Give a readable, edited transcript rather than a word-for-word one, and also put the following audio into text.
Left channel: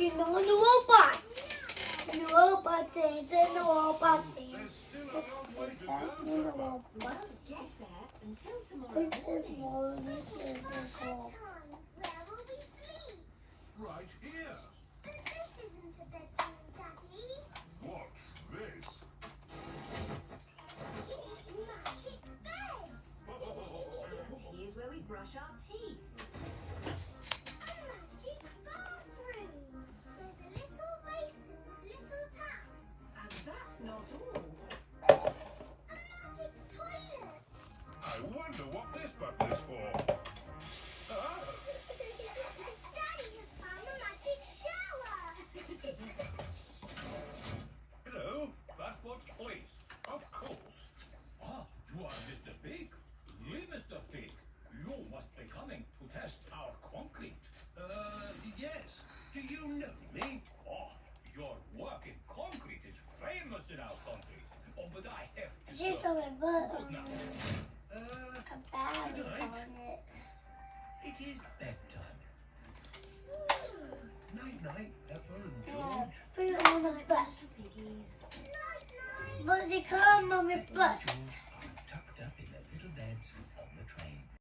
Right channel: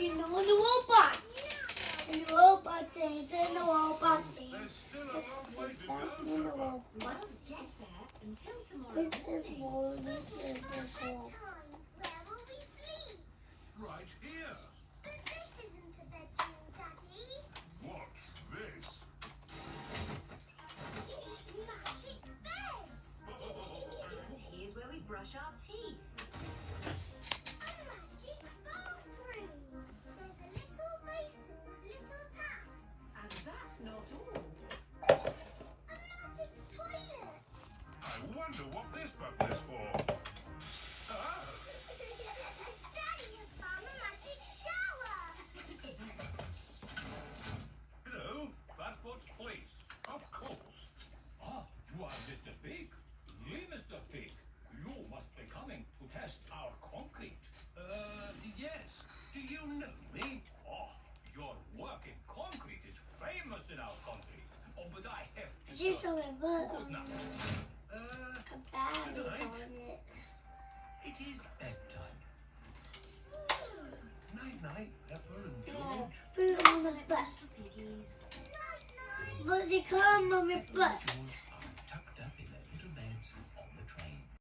You know the robot. And the robot says, and the robot says. This is more than this is the goal. Where will we sleep? Right here. But this isn't a bedroom, Daddy. What's this? It's magic bed. Here's where we brush our teeth. A magic bathroom. There's a little basin with little taps. And that's not all. A magic toilet. I wonder what this button is for. Ah, Daddy has found a magic shower. hello. Passport's place. Of course. Ah, you are Mr. Pig. Mr. Pig. You must be coming to test our concrete. Yes. Do you know me? Oh, your work in concrete is famous in our country. Oh, but I have to She's go. on my butt. Good night. A battery on it. It is bedtime. Night night, Pepper and Yeah, George. put it on the bus. Piggies. But they can't on the bus.